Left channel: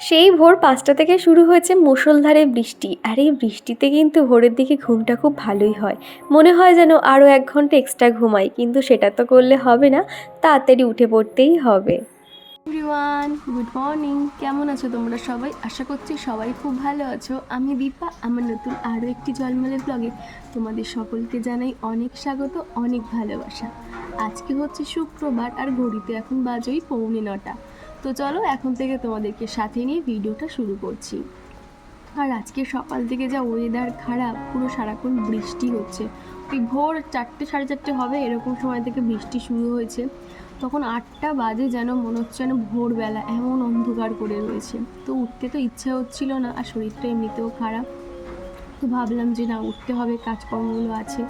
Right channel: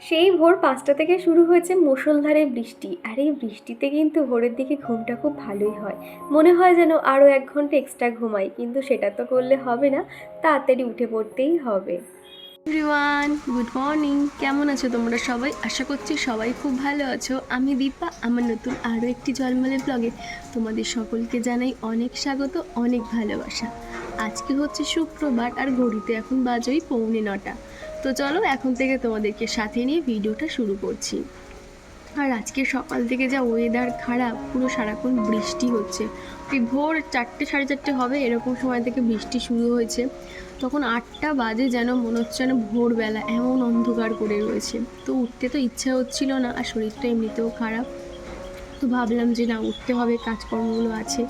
সেই ভোর পাঁচটা থেকে শুরু হয়েছে মুষলধারে বৃষ্টি। আর এই বৃষ্টিতে কিন্তু ভোরের দিকে ঘুমটা খুব ভালোই হয়। মনে হয় যেন আরও এক ঘণ্টা এক্সট্রা ঘুমাই, কিন্তু সেটা তো করলে হবে না, তাড়াতাড়ি উঠে পড়তেই হবে। Everyone, good morning. কেমন আছো তোমরা সবাই? আশা করছি সবাই খুব ভালো আছো। আমি দীপা, আমার নতুন আরও একটি জলমলের ব্লগে তোমাদের সকলকে জানাই অনেক স্বাগত, অনেক ভালোবাসা। আজকে হচ্ছে শুক্রবার আর ঘড়িতে এখন বাজোই পৌনে নটা। তো চলো এখন থেকে তোমাদেরকে সাথে নিয়ে ভিডিওটা শুরু করছি। আর আজকে সকাল থেকে যা ওয়েদার খারাপ, পুরো সারাক্ষণ বৃষ্টি হচ্ছে। ওই ভোর চারটে, সাড়ে চারটে হবে, এরকম সময় থেকে বৃষ্টি শুরু হয়েছে। তখন আটটা বাজে যেন মনে হচ্ছে যেন ভোরবেলা, এমন অন্ধকার করে রয়েছে। তো উঠতে তো ইচ্ছা হচ্ছিল না, আর শরীরটা এমনিতেও খারাপ। তো ভাবলাম যে না, উঠতে হবে, কাজকর্মগুলো আছে।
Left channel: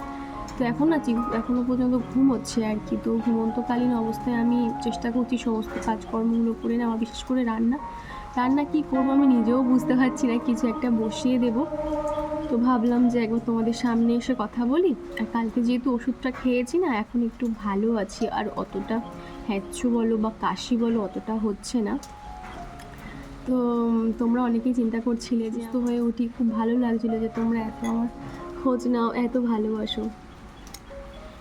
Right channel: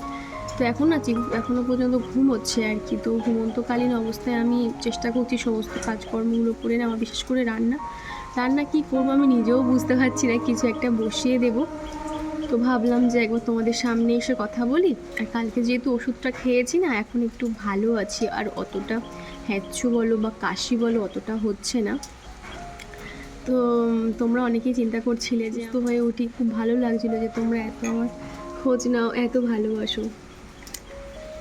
তো এখন না এখনও পর্যন্ত ঘুম হচ্ছে আর কি। তো ঘুমন্তকালীন অবস্থায় আমি চেষ্টা করছি সমস্ত কাজকর্মগুলো করে নেওয়া, বিশেষ করে রান্না। রান্না কি করব আমি নিজেও বুঝতে পারছি না, কিছু একটা বসিয়ে দেব। তো ভাবলাম যে একবার তোমাদের সামনে এসে কথা বলি। আর কালকে যেহেতু ওষুধটা খেয়েছি না, এখন একটু ভালো আছি। আর অতটা হ্যাচ্ছু বলো বা কাশি বলো অতটা হচ্ছে না। তো তোমরা অনেকেই চিন্তা করছিলে যে তো হয়ে উঠি, খুব ভালো লাগছিল যে তোমরা এত আমার খোঁজ নাও, এত ভালোবাসো।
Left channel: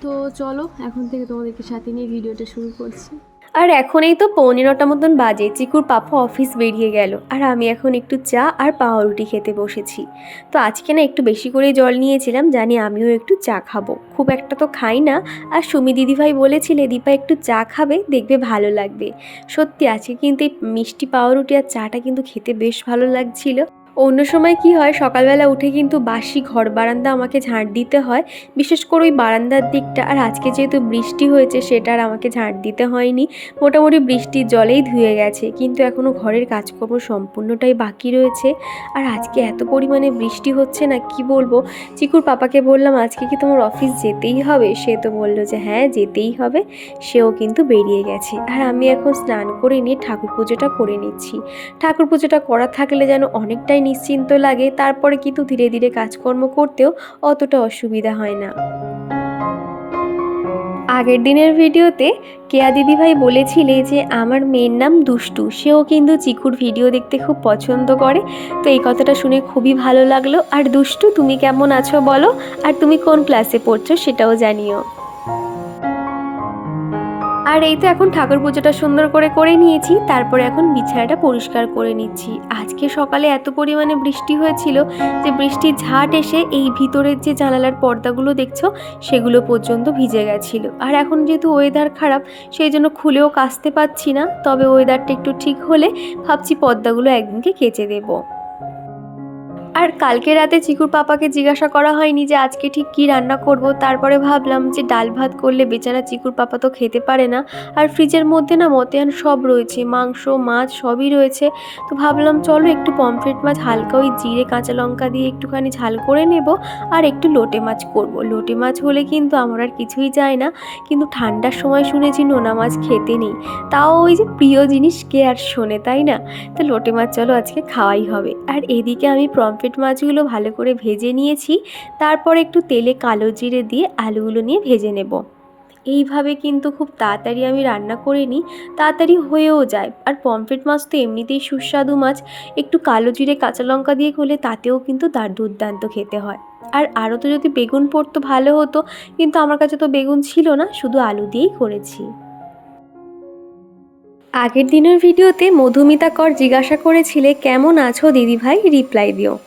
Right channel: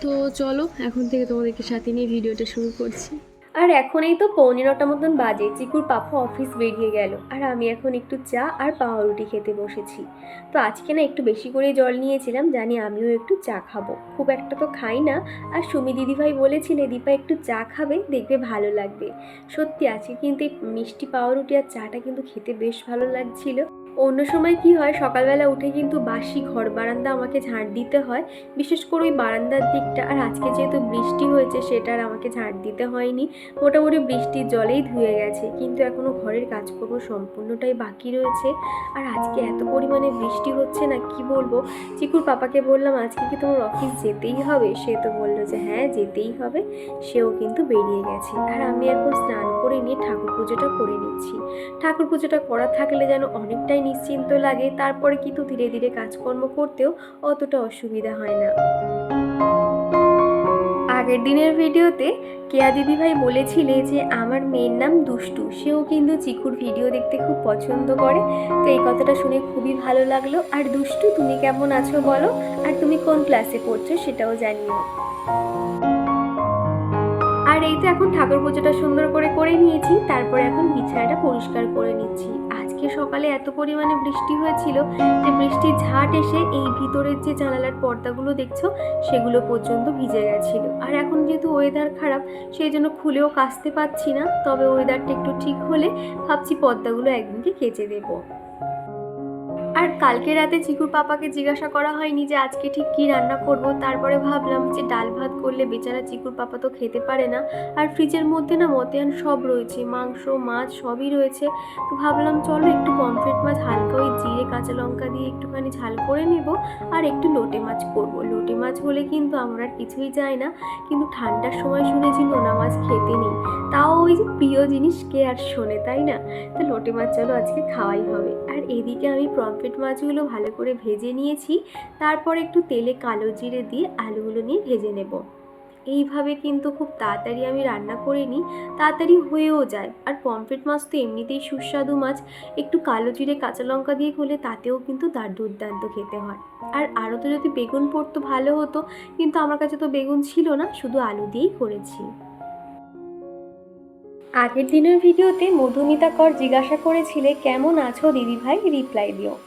তো চলো, এখন থেকে তোমাদেরকে সাথে নিয়ে ভিডিওটা শুরু করছি। আর এখন এই তো পনেরোটা মতন বাজে, চিকুর পাপা অফিস বেরিয়ে গেল। আর আমি এখন একটু চা আর পাউরুটি খেতে বসেছি। তো আজকে না একটু বেশি করে জল নিয়েছিলাম, জানি আমিও একটু চা খাব। খুব একটা তো খাই না, আর সুমি দিদিভাই বলেছিলে, দীপা একটু চা খাবে, দেখবে ভালো লাগবে। সত্যি আজকে কিন্তু এই মিষ্টি পাউরুটি আর চাটা কিন্তু খেতে বেশ ভালো লাগছিল। অন্য সময় কি হয়, সকালবেলা উঠে কিন্তু বাসি ঘর বারান্দা আমাকে ঝাঁট দিতে হয়। বিশেষ করে ওই বারান্দার দিকটা, আর আজকে যেহেতু বৃষ্টি হয়েছে সেটা আর আমাকে ঝাঁট দিতে হয়নি। মোটামুটি বৃষ্টির জলেই ধুয়ে গেছে, কিন্তু এখনও ঘরের কাজকর্ম সম্পূর্ণটাই বাকি রয়েছে। আর আজকে এত পরিমাণে বৃষ্টি হচ্ছে না, কি বলব? চিকুর পাপাকে বললাম, আজকে কি তোমার অফিস যেতেই হবে? সে তো বলল যে হ্যাঁ যেতেই হবে। সেও কিন্তু বেরিয়ে গেছে। আর আমি এখন স্নান করে নিয়ে ঠাকুর পুজোটা করে নিচ্ছি। ঠাকুর পুজোটা করা থাকলে যেন অনেকটাই নিশ্চিন্ত লাগে, তারপরে কিন্তু ধীরে ধীরে কাজকর্ম করতেও অতটা অসুবিধা হয় না। আগের দিনের ভিডিওতে কেয়া দিদিভাই বলেছিলে যে, আমার মেয়ের নাম দুষ্টু। সেও কিন্তু চিকুর ভিডিও দেখতে খুব পছন্দ করে। তো এই কথাটা শুনে খুবই ভালো লাগল। আর দুষ্টু, তুমি কেমন আছো বলো? আর তুমি কোন ক্লাসে পড়ছো সেটাও জানিও। আর এই তো এখন ঠাকুর পুজোটা সুন্দর করে করে নিয়েছি, তারপরে এখন বিছানাটা পরিষ্কার করে নিচ্ছি। আজকে সকালে এত পরিমাণে বৃষ্টি হয়েছিল যে বৃষ্টির ঝাঁট এসে এই ভিতরের যে জানালার পর্দাগুলো দেখছ, সেগুলো পর্যন্ত ভিজে গেছিল। আর এখন যেহেতু ওয়েদার খারাপ, সেই জন্য খুলেও কাচতে পাচ্ছি না, তবে ওয়েদারটা একটু ঠিক হলে ভাবছি পর্দাগুলো একদিনকে কেচে দেবো। আর কালকে রাতে চিকুর পাপাকে জিজ্ঞাসা করা হয়নি যে আজকে ঠিক কী রান্না করব। তারপরে ভাবলাম যে ডাল ভাত করলে বেচারা চিকুর পাপা তো খেতে পারে না। আর ফ্রিজের মধ্যে না মতেয়ান সব রয়েছে, মাংস, মাছ সবই রয়েছে। তো ভাবলাম চলো একটু পমফ্রেট মাছ, হালকা ওই জিরে, কাঁচা লঙ্কা দিয়ে একটুখানি ঝাল করে নেব আর একটু লোটে মাছ করব। লোটে মাছ হলে কিন্তু আমার আর কিছুই যায় না। কিন্তু ঠান্ডার সময় শুনেছি নোনা মাছ খেতে নেই। তাও ওই যে প্রিয় জিনিস কে আর শোনে, তাই না? তো লোটে মাছ চলো আজকে খাওয়াই হবে। আর এদিকে আমি পমফ্রেট মাছগুলো ভালো করে ভেজে নিয়েছি। তারপর একটু তেলে কালো জিরে দিয়ে আলুগুলো নিয়ে ভেজে নেব। এইভাবে কিন্তু খুব তাড়াতাড়ি আমি রান্না করে নিই। তাড়াতাড়ি হয়েও যায়। আর পমফ্রেট মাছ তো এমনিতেই সুস্বাদু মাছ। একটু কালো জিরে কাঁচা লঙ্কা দিয়ে করলে তাতেও কিন্তু তার দুর্দান্ত খেতে হয়। আর আরও তো যদি বেগুন পড়তো ভালো হতো, কিন্তু আমার কাছে তো বেগুন ছিল না, শুধু আলু দিয়েই করেছি। আগের দিনের ভিডিওতে মধুমিতা কর জিজ্ঞাসা করেছিলে, কেমন আছো দিদিভাই? রিপ্লাই দিও।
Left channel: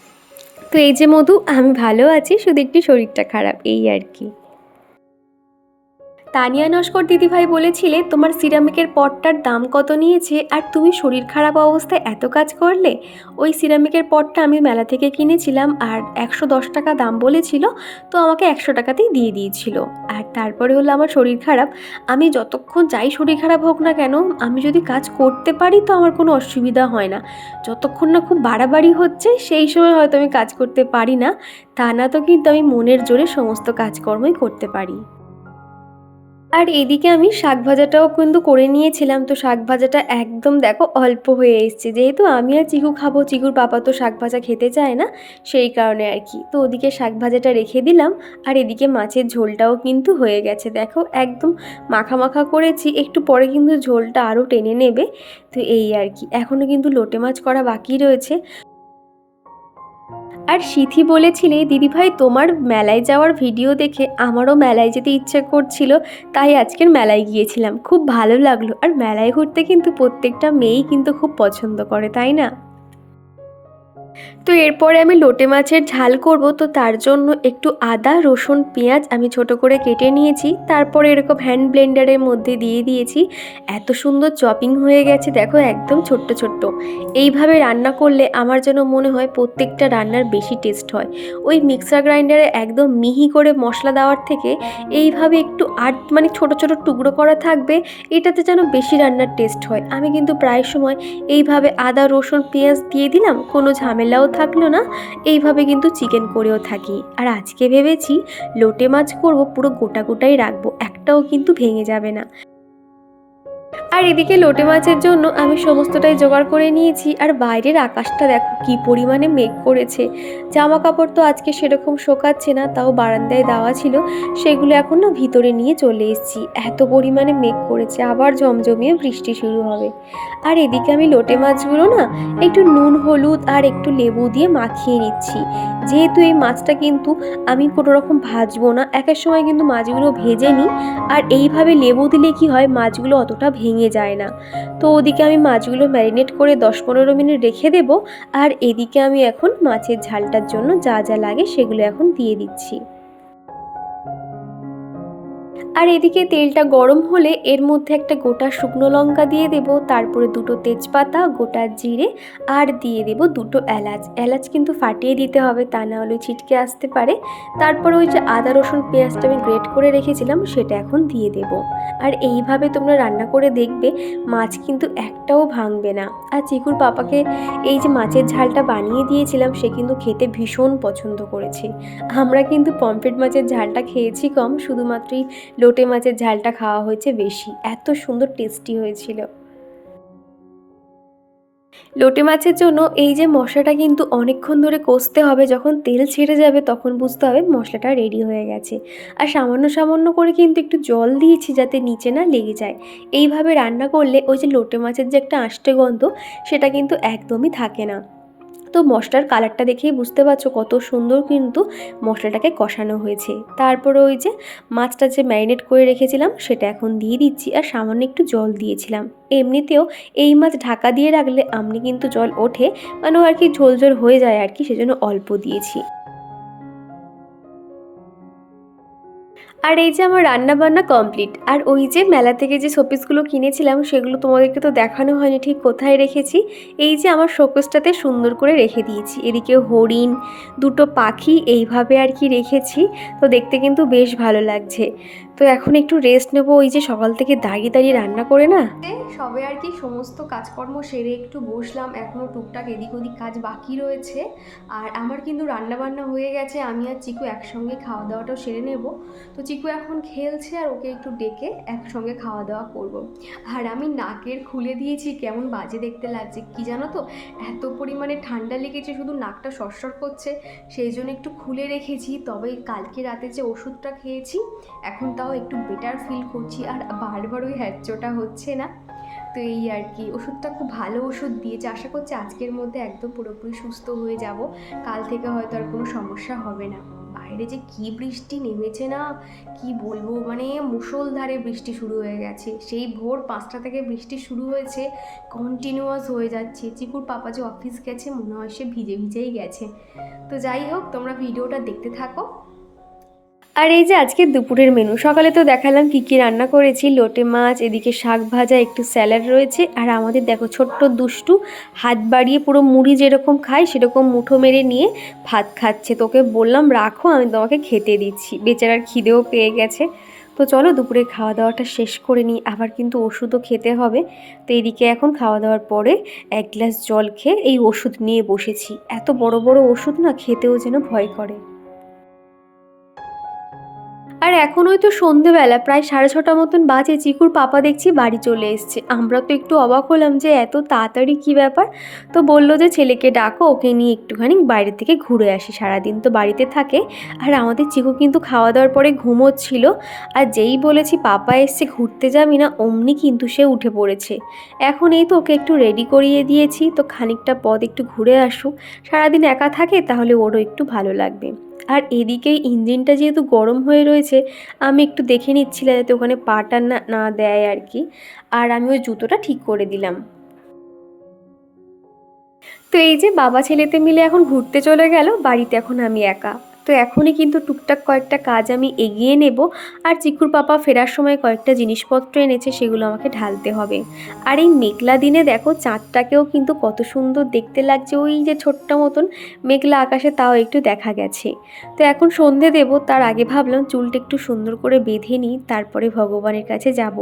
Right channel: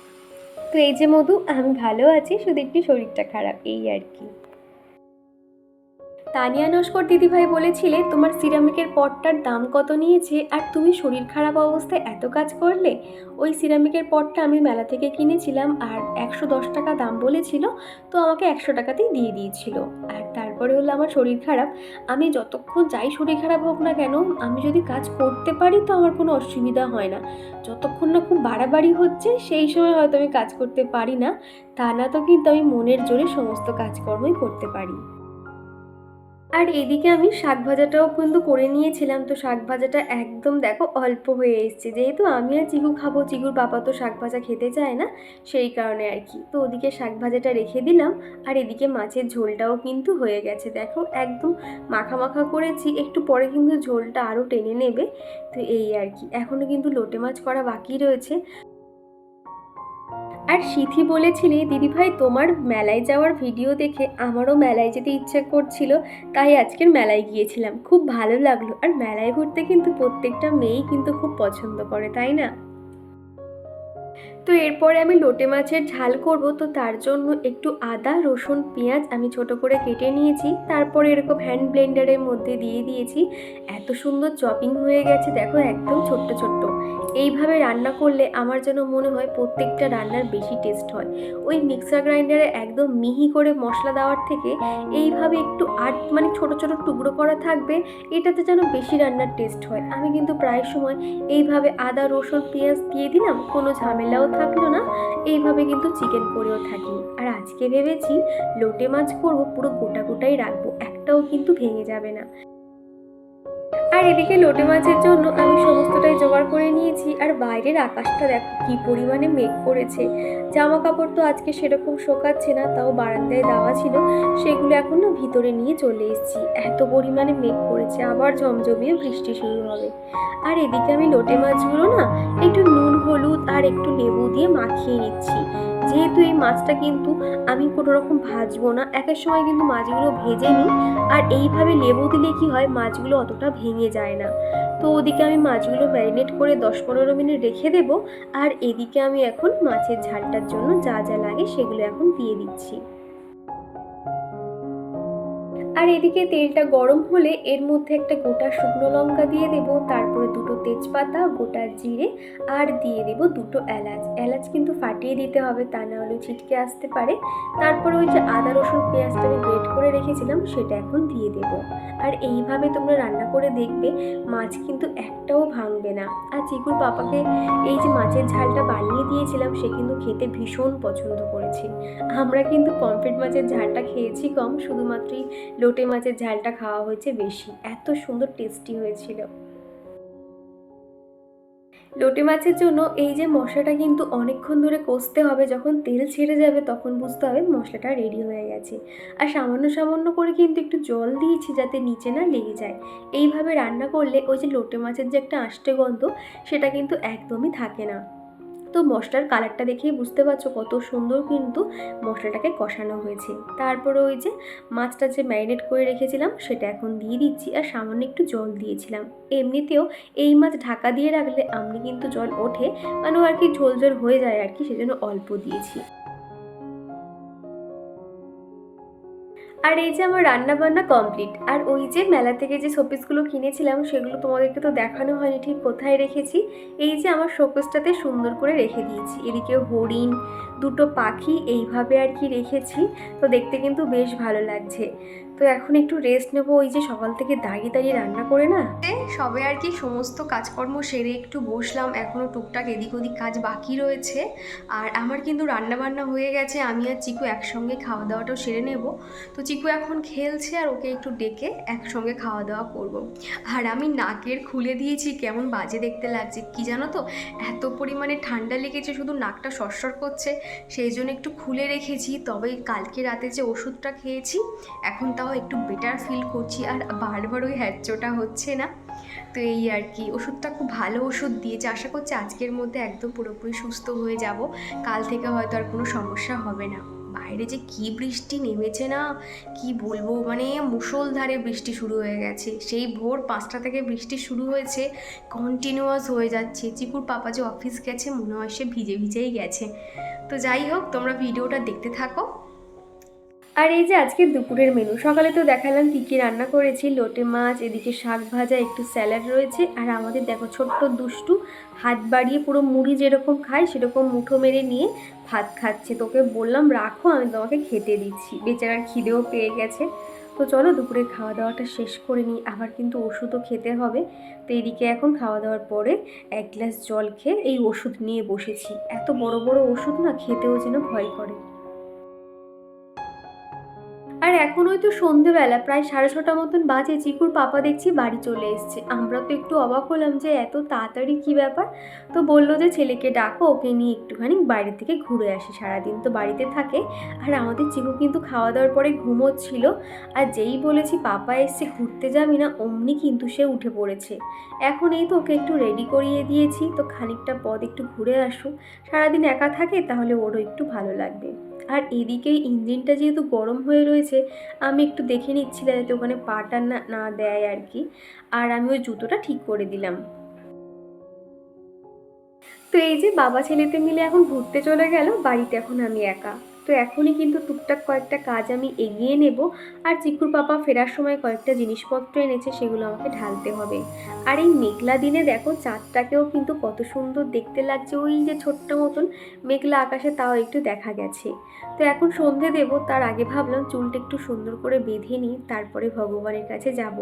তো এই যে মধু আমি ভালো আছি শুধু একটু শরীরটা খারাপ এই আর কি। তানিয়া নস্কর দিদিভাই বলেছিলে, তোমার সিরামিকের পটটার দাম কত নিয়েছে? আর তুমি শরীর খারাপ অবস্থায় এত কাজ করলে? ওই সিরামিকের পটটা আমি মেলা থেকে কিনেছিলাম, আর একশো দশ টাকা দাম বলেছিল, তো আমাকে একশো টাকাতেই দিয়ে দিয়েছিল। আর তারপরে হলো আমার শরীর খারাপ। আমি যতক্ষণ যাই শরীর খারাপ হোক না কেন, আমি যদি কাজ করতে পারি তো আমার কোনো অসুবিধা হয় না। যতক্ষণ না খুব বাড়াবাড়ি হচ্ছে, সেই সময় হয়তো আমি কাজ করতে পারি না। তা না তো কিন্তু আমি মনের জোরে সমস্ত কাজকর্মই করতে পারি। আর এদিকে আমি শাক ভাজাটাও কিন্তু করে নিয়েছিলাম। তো শাক ভাজাটা একদম দেখো অল্প হয়ে এসছে। যেহেতু আমি আর চিকু খাব, চিকুর পাপা তো শাক ভাজা খেতে চায় না, সেই কারণে আর কি। তো ওদিকে শাক ভাজাটা রেখে দিলাম। আর এদিকে মাছের ঝোলটাও কিন্তু হয়ে গেছে। দেখো একদম মাখা মাখা করেছি। একটু পরে কিন্তু ঝোলটা আরও টেনে নেবে। তো এই আর কি। এখনও কিন্তু লোটে মাছ করা বাকি রয়েছে। আর সিথি বলেছিলে, দিদিভাই, তোমার মেলায় যাওয়ার ভিডিও দেখে আমারও মেলায় যেতে ইচ্ছে করছিল, তাই আজকের মেলায় গিয়েছিলাম। খুব ভালো লাগল। আর মেলায় ঘুরতে কিন্তু প্রত্যেকটা মেয়েই কিন্তু খুব পছন্দ করে, তাই না? তো এরপরে আমি লোটে মাছের ঝাল করব, তো তার জন্য একটু আদা, রসুন, পেঁয়াজ আমি ছোট করে কেটে নিয়েছি। তারপরে এরকম হ্যান্ড ব্লেন্ডারের মধ্যে দিয়ে দিয়েছি। এত সুন্দর চপিং হয়ে গেছে, দেখো একদম ছোট্ট ছোট্ট। এইভাবে রান্না করলে আমার যেন মনে হয় প্রত্যেকটা রান্নার বেশি টেস্ট হয়। ওই মিক্সার গ্রাইন্ডারে একদম মিহি করে মশলা দেওয়ার থেকে এইভাবে একটু আট মানে ছোট ছোট টুকরো করা থাকবে, এটাতে যেন বেশি রান্নার টেস্ট হয়। আমি কিন্তু প্রায় সময় এইভাবে আদা, রসুন, পেঁয়াজ দিয়ে দিলাম, কোনো ঝামেলাও থাকল না, এইভাবে কিন্তু চিকেন করেও থাকি। আর আজকে ভেবেছি লোটে মাছ করব, পুরো গোটা গোটাই রাখব, একটাও কিন্তু ভেঙে যাবে না। আর এদিকে লোটে মাছের জন্য আমি সমস্তটাই জোগাড় করে নিয়েছি। আর বাইরের আকাশটা দেখো কি পরিমাণে মেঘ করেছে। জামা কাপড় তো আজকে সেরকম শোকাচ্ছে না, তাও বারান্দায় দেওয়া ছিল। সেগুলো এখন না ভিতরে নিয়ে চলে এসেছি। এত পরিমাণে মেঘ করেছে, আবার জমজমিয়ে বৃষ্টি শুরু হবে। আর এদিকে আমি লোটে মাছগুলো না একটু নুন, হলুদ আর একটু লেবু দিয়ে মাখিয়ে নিচ্ছি। যেহেতু এই মাছটা কিন্তু আমি কোনো রকম ভাজবো না একের সময় কিন্তু মাছগুলো ভেজে নিই। আর এইভাবে লেবু দিলে কি হয়, মাছগুলো অতটা ভেঙে যায় না। তো ওদিকে আমি মাছগুলো ম্যারিনেট করে দশ পনেরো মিনিট রেখে দেব। আর এদিকে আমি এখন মাছের ঝালটার জন্য যা যা লাগে সেগুলো এখন দিয়ে দিচ্ছি। আর এদিকে তেলটা গরম হলে এর মধ্যে একটা গোটা শুকনো লঙ্কা দিয়ে দেব, তারপরে দুটো তেজপাতা, গোটা জিরে, আর দিয়ে দেব দুটো এলাচ। এলাচ কিন্তু ফাটিয়ে দিতে হবে, তা না হলে ছিটকে আসতে পারে। তারপরে ওই যে আদা, রসুন, পেঁয়াজটা আমি গ্রেট করে রেখেছিলাম, সেটা এখন দিয়ে দেব। আর এইভাবে তোমরা রান্না করে দেখবে, মাছ কিন্তু একটাও ভাঙবে না। আর চিকুর পাপাকে এই যে মাছের ঝালটা বানিয়ে দিয়েছিলাম, সে কিন্তু খেতে ভীষণ পছন্দ করেছে। আমরা কিন্তু পমফ্রেট মাছের ঝালটা খেয়েছি কম, শুধুমাত্রই লোটে মাছের ঝালটা খাওয়া হয়েছে বেশি। এত সুন্দর টেস্টি হয়েছিল। লোটে মাছের জন্য এই যে মশলাটা কিন্তু অনেকক্ষণ ধরে কষতে হবে, যখন তেল ছেড়ে যাবে তখন বুঝতে হবে মশলাটা রেডি হয়ে গেছে। আর সামান্য সামান্য করে কিন্তু একটু জল দিয়েছি যাতে নিচে না লেগে যায়। এইভাবে রান্না করলে ওই যে লোটে মাছের যে একটা আষ্টে গন্ধ, সেটা কিন্তু একদমই থাকে না। তো মশলার কালারটা দেখেই বুঝতে পারছ কত সুন্দর কিন্তু মশলাটাকে কষানো হয়েছে। তারপরে ওই যে মাছটা যে ম্যারিনেট করে রেখেছিলাম, সেটা এখন দিয়ে দিচ্ছি আর সামান্য একটু জল দিয়েছিলাম। এমনিতেও এই মাছ ঢাকা দিয়ে রাখলে আমনি কিন্তু জল ওঠে মানে আর কি ঝোল ঝোল হয়ে যায় আর কি, সেজন্য অল্প দিয়েছি। আর এই যে আমার রান্না বান্না কমপ্লিট, আর ওই যে মেলা থেকে যে শোপিসগুলো কিনেছিলাম, সেগুলো তোমাদেরকে তো দেখানো হয়নি, ঠিক কোথায় রেখেছি? এই যে আমার শোকেসটাতে সুন্দর করে রেখে দিয়েছি, এদিকে হরিণ, দুটো পাখি, এইভাবে আর কি রেখেছি, তো দেখতে কিন্তু বেশ ভালো লাগছে। তো এখন একটু রেস্ট নেব, ওই যে সকাল থেকে দাঁড়িয়ে দাঁড়িয়ে রান্না করে না? সবে আর কি সমস্ত কাজকর্ম সেরে একটু বসলাম এখনও টুকটাক এদিক ওদিক কাজ বাকি রয়েছে। আর আমার কিন্তু রান্না বান্না হয়ে গেছে, আমি আর চিকু একসঙ্গে খাওয়া দাওয়াটাও সেরে নেব। তো চিকু এখন খেলছে আর ওকে একটু ডেকে একসঙ্গে খাওয়া দাওয়া করব। আর আমি নাকের খুলে দিয়েছি, কেমন বাজে দেখতে লাগছে, কি জানো তো? এত পরিমাণে ঠান্ডা লেগেছে, শুধু নাকটা সরসর করছে, সেই জন্য একটু খুলে রেখেছি। তবে কালকে রাতে যে ওষুধটা খেয়েছি, এখন তাও একটু বেটার ফিল করছি আর বারবার ওই হ্যাচ্চোটা হচ্ছে না। তো এই আর কি, ওষুধটা খুব ভালো ওষুধ দিয়েছে। আশা করছি আজকের মধ্যে একদম পুরোপুরি সুস্থ হয়ে যাব। কাল থেকে হয়তো আর কোনো সমস্যা হবে না। বাইরে যে কি বৃষ্টি নেমেছে না, কি বলব? মানে মুষলধারে বৃষ্টি শুরু হয়ে গেছে। সেই ভোর পাঁচটা থেকে বৃষ্টি শুরু হয়েছে কন্টিনিউয়াস হয়ে যাচ্ছে। চিকুর পাপা যে অফিস গেছে, মনে হয় সে ভিজে ভিজেই গেছে। তো যাই হোক, তোমরা ভিডিওটা দেখতে থাকো। আর এই যে আজকে দুপুরের মেনু সকালে তো দেখালাম কী কী রান্না করেছি, লোটে মাছ, এদিকে শাক ভাজা, একটু স্যালাড রয়েছে, আর আমাদের দেখো ছোট্ট দুষ্টু হাত বাড়িয়ে পুরো মুড়ি যেরকম খায়, সেরকম মুঠো মেরে নিয়ে ভাত খাচ্ছে। তোকে বললাম, রাখো, আমি তোমাকে খেতে দিচ্ছি। বেচারার খিদেও পেয়ে গেছে। তো চলো দুপুরে খাওয়া দাওয়াটা শেষ করে নিই, আবার কিন্তু ওষুধও খেতে হবে। তো এদিকে এখন খাওয়া দাওয়ার পরে এক গ্লাস জল খেয়ে এই ওষুধ নিয়ে বসেছি। এত বড় বড় ওষুধ না খেতেও যেন ভয় করে। আর এখন ওই তো সন্ধেবেলা, প্রায় সাড়ে ছটা মতন বাজে, চিকুর পাপা দেখছি বাড়ি চলে এসছে। আমরা তো একটু অবাক হলাম যে এত তাড়াতাড়ি কী ব্যাপার? তো বলল যে ছেলেকে ডাকো, ওকে নিয়ে একটুখানি বাইরে থেকে ঘুরে আসি। সারাদিন তো বাড়িতে থাকে। আর আমাদের চিকু কিন্তু খাওয়া দাওয়ার পরে ঘুমোচ্ছিল। আর যেই বলেছি পাপা এসছে, ঘুরতে যাবি না, অমনি কিন্তু সে উঠে পড়েছে। এখন এই তো ওকে একটু রেডি করিয়ে দিয়েছি। তো খানিকটা পথ একটু ঘুরে আসুক। সারাদিন একা থাকে, তাহলে ওরও একটু ভালো লাগবে। আর এদিকে ইঞ্জিনটা যেহেতু গরম হয়ে রয়েছে, আমি একটু দেখে নিচ্ছিলাম যাতে ওখানে পাটা না না দেয় আর কি। আর আমি ওই জুতোটা ঠিক করে দিলাম। তো এই যে বাবা ছেলেতে মিলে এখন ঘুরতে চলে গেল, বাড়িতে এখন আমি একা। তো এখনই কিন্তু টুকটাক কয়েকটা কাজ আমি এগিয়ে নেব। আর চিকুর পাপা ফেরার সময় কয়েকটা জিনিসপত্র এনেছে, সেগুলো আমাকে ঢালতে হবে। আর এই মেঘলা দিনে দেখো, চাঁদটাকেও কিন্তু কত সুন্দর দেখতে লাগছে। ওই যে ছোট্ট মতন মেঘলা আকাশে তাও একটু দেখা গেছে। তো এখন সন্ধে দেব, তার আগে ভাবলাম চুলটা একটু সুন্দর করে বেঁধে নিই, তারপরে ভগবানের কাছে যাব।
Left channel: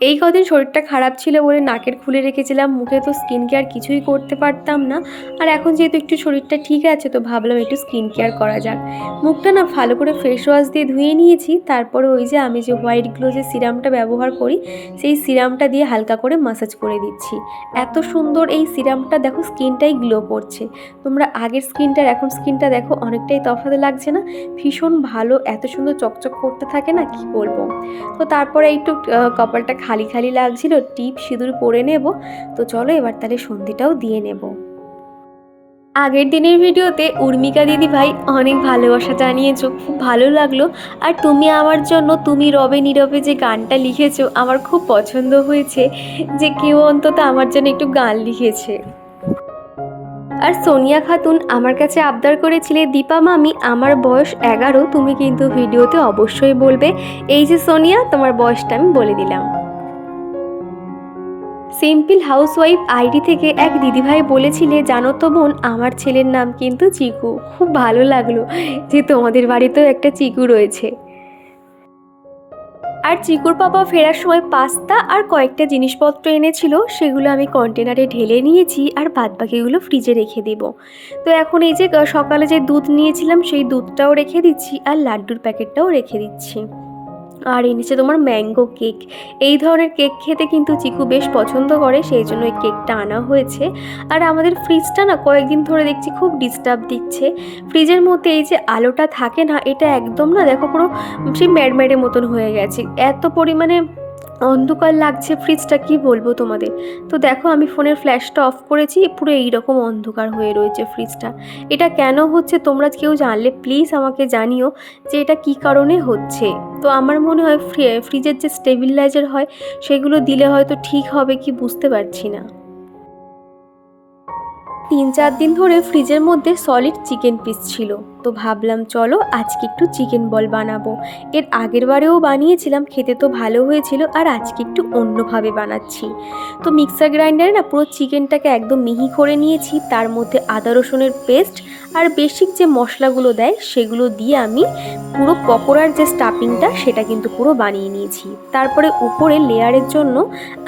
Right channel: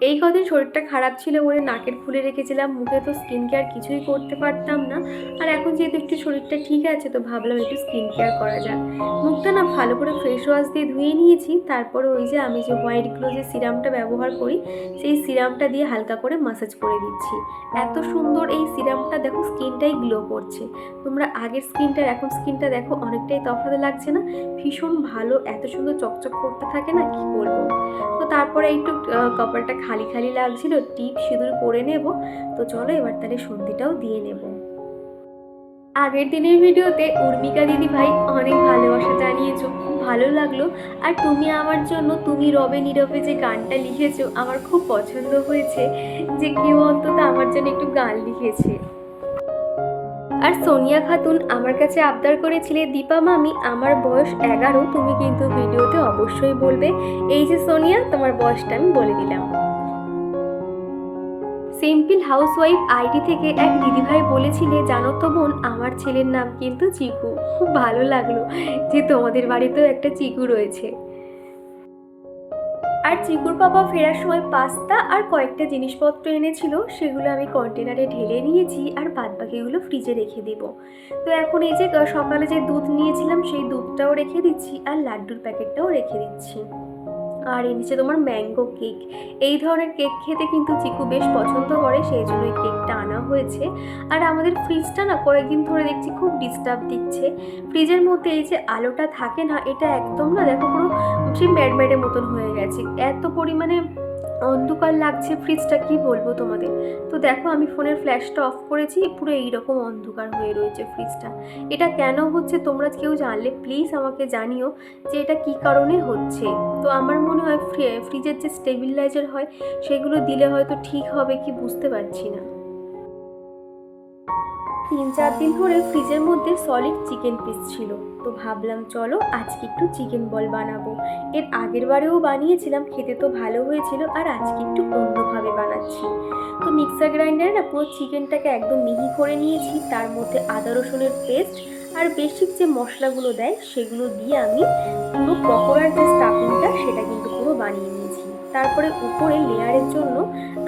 এই কদিন শরীরটা খারাপ ছিল বলে নাকের খুলে রেখেছিলাম, মুখে তো স্কিন কেয়ার কিছুই করতে পারতাম না। আর এখন যেহেতু একটু শরীরটা ঠিক আছে, তো ভাবলাম একটু স্কিন কেয়ার করা যাক। মুখটা না ভালো করে ফেস ওয়াশ দিয়ে ধুয়ে নিয়েছি, তারপরে ওই যে আমি যে হোয়াইট গ্লো যে সিরামটা ব্যবহার করি, সেই সিরামটা দিয়ে হালকা করে মাসাজ করে দিচ্ছি। এত সুন্দর এই সিরামটা, দেখো স্কিনটাই গ্লো করছে। তোমরা আগের স্কিনটার, এখন স্কিনটা দেখো অনেকটাই তফাৎ লাগছে না? ভীষণ ভালো, এত সুন্দর চকচক করতে থাকে না? কি বলব? তো তারপরে একটু কপালটা খালি খালি লাগছিল, টিপ সিঁদুর পরে নেব। তো চলো এবার তাহলে সন্ধিটাও দিয়ে নেব। আগের দিনের ভিডিওতে উর্মিকা দিদি ভাই অনেক ভালোবাসা জানিয়েছো, খুব ভালো লাগল। আর তুমি আমার জন্য, তুমি রবে নীরবে যে গানটা লিখেছো, আমার খুব পছন্দ হয়েছে যে কেউ অন্তত আমার জন্য একটু গান লিখেছে। আর সোনিয়া খাতুন আমার কাছে আবদার করেছিলে, দীপা মামি, আমার বয়স এগারো, তুমি কিন্তু ভিডিওতে অবশ্যই বলবে, এই যে সোনিয়া, তোমার বয়সটা আমি বলে দিলাম। সিম্পল হাউসওয়াইফ আইডি থেকে এক দিদিভাই বলেছিলে, জানো তো বোন, আমার ছেলের নাম কিন্তু চিকু। খুব ভালো লাগল যে তোমাদের বাড়িতেও একটা চিকু রয়েছে। আর চিকুর পাপা ফেরার সময় পাস্তা আর কয়েকটা জিনিসপত্র এনেছিল, সেগুলো আমি কন্টেনারে ঢেলে নিয়েছি আর বাদ বাকিগুলো ফ্রিজে রেখে দেব। তো এখন এই যে সকালে যে দুধ নিয়েছিলাম, সেই দুধটাও রেখে দিচ্ছি আর লাড্ডুর প্যাকেটটাও রেখে দিচ্ছি। আর এনেছে তোমার ম্যাঙ্গো কেক। এই ধরনের কেক খেতে কিন্তু চিকু বেশ পছন্দ করে, সেই জন্য এই কেকটা আনা হয়েছে। আর আমাদের ফ্রিজটা না কয়েকদিন ধরে দেখছি খুব ডিস্টার্ব দিচ্ছে। ফ্রিজের মধ্যে এই যে আলোটা থাকে না, এটা একদম না দেখো পুরো সেই ম্যাডম্যাডের মতন হয়ে গেছে। এত পরিমাণে অন্ধকার লাগছে ফ্রিজটা কি বলব তোমাদের? তো দেখো আমি ফোনের ফ্ল্যাশটা অফ করেছি, পুরো এইরকম অন্ধকার হয়ে রয়েছে ফ্রিজটা এটা কেন হচ্ছে তোমরা কেউ জানলে প্লিজ আমাকে জানিও যে এটা কি কারণে হচ্ছে। তো আমার মনে হয় ফ্রি- ফ্রিজের যে স্টেবিলাইজার হয়, সেগুলো দিলে হয়তো ঠিক হবে কি বুঝতে পারছি না। তিন চার দিন ধরে ফ্রিজের মধ্যে সলিড চিকেন পিস ছিল। তো ভাবলাম, চলো আজকে একটু চিকেন বল বানাবো। এর আগের বারেও বানিয়েছিলাম, খেতে তো ভালো হয়েছিল আর আজকে একটু অন্যভাবে বানাচ্ছি। তো মিক্সার গ্রাইন্ডারে না পুরো চিকেনটাকে একদম মিহি করে নিয়েছি, তার মধ্যে আদা রসুনের পেস্ট আর বেসিক যে মশলাগুলো দেয়, সেগুলো দিয়ে আমি পুরো পকোড়ার যে স্টাফিংটা সেটা কিন্তু পুরো বানিয়ে নিয়েছি। তারপরে উপরে লেয়ারের জন্য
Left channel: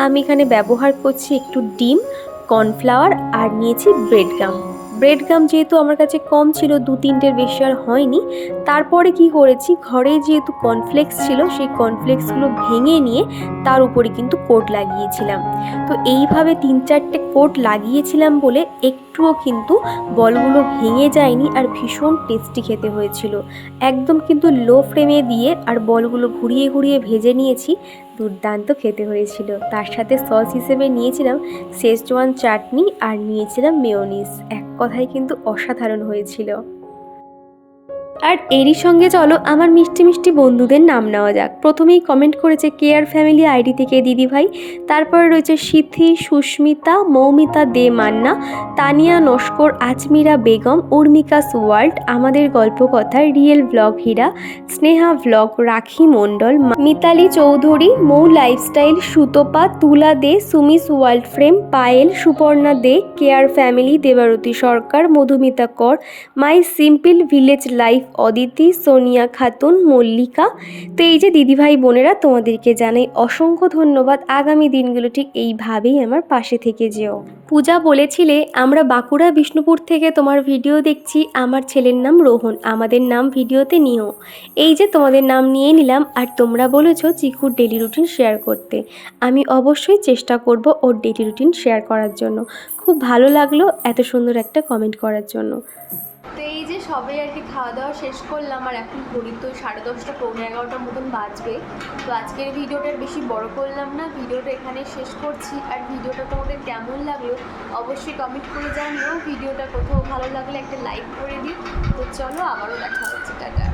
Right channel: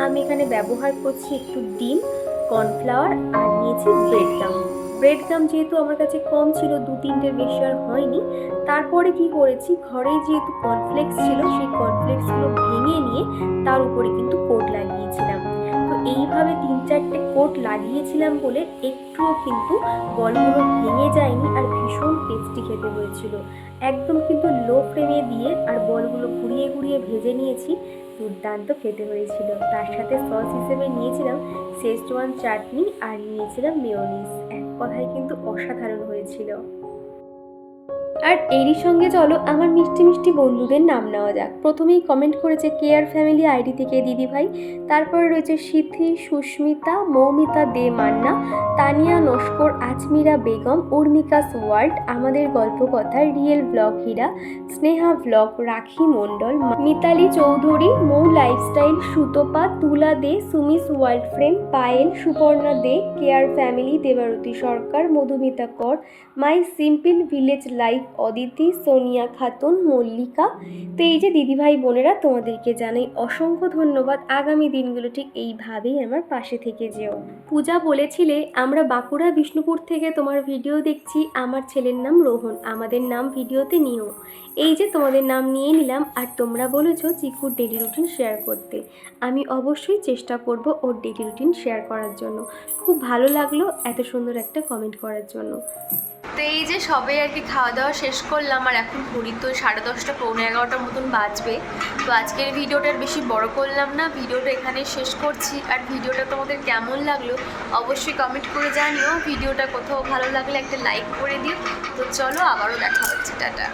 আমি এখানে ব্যবহার করছি একটু ডিম কর্নফ্লাওয়ার আর নিয়েছি ব্রেড গাম ব্রেড গাম যেহেতু আমার কাছে কম ছিল, দু তিনটের বেশি আর হয়নি। তারপরে কি করেছি, ঘরে যেহেতু কর্নফ্লেক্স ছিল, সেই কর্নফ্লেক্সগুলো ভেঙে নিয়ে তার উপরে কিন্তু কোট লাগিয়েছিলাম। তো এইভাবে তিন চারটে কোট লাগিয়েছিলাম বলে একটুও কিন্তু বলগুলো ভেঙে যায়নি আর ভীষণ টেস্টি খেতে হয়েছিল। একদম কিন্তু লো ফ্লেমে দিয়ে আর বলগুলো ঘুরিয়ে ঘুরিয়ে ভেজে নিয়েছি, দুর্দান্ত খেতে হয়েছিল। তার সাথে সস হিসেবে নিয়েছিলাম শেজওয়ান চাটনি আর নিয়েছিলাম মেয়োনিজ এক কথায় কিন্তু অসাধারণ হয়েছিল। আর এরই সঙ্গে চলো আমার মিষ্টি মিষ্টি বন্ধুদের নাম নেওয়া যাক। প্রথমেই কমেন্ট করেছে কেয়ার ফ্যামিলি আইডি থেকে দিদিভাই, তারপরে রয়েছে সিথি, সুস্মিতা, মৌমিতা দে মান্না, তানিয়া নস্কর আজমিরা বেগম, উর্মিকা ওয়ার্ল্ড আমাদের Golpokotha real blog Hira, Sneha blog, Rakhi Mondal Mitali Chowdhury, Mou lifestyle, Sutapa, Tula De Sumis world frame, Payel, Suparna De, care family, Debarati Sarkar, Madhumita Kar, my simple village life Aditi, Sonia Khatun, Mallika. তো এই যে দিদিভাই বোনেরা, তোমাদেরকে জানাই অসংখ্য ধন্যবাদ। আগামী দিনগুলো ঠিক এইভাবেই আমার পাশে থেকে যেও। পূজা বলেছিলে, আমরা বাঁকুড়া বিষ্ণুপুর থেকে তোমার ভিডিও দেখছি। আমার ছেলের নাম রোহন, আমাদের নাম ভিডিওতে নিও। এই যে তোমাদের নাম নিয়ে নিলাম, আর তোমরা বলেছ চিকুর ডেলি রুটিন শেয়ার করতে। আমি অবশ্যই চেষ্টা করব ওর ডেলি রুটিন শেয়ার করার জন্য। খুব ভালো লাগল এত সুন্দর একটা কমেন্ট করার জন্য। তো এই যে সবে আর কি খাওয়া দাওয়া শেষ করলাম, আর এখন ঘড়ি তো সাড়ে দশটা, পৌনে এগারোটার মতন বাজবে। তো আজকের ভিডিওটা বেশি বড় করলাম না, ভিডিওটা এখানে শেষ করছি। আর ভিডিওটা তোমাদের কেমন লাগল অবশ্যই কমেন্ট করে জানিও। ভিডিওটা কোথাও ভালো লাগলে একটা লাইক করে দিও। তো চলো আবারও দেখা হচ্ছে, টাটা।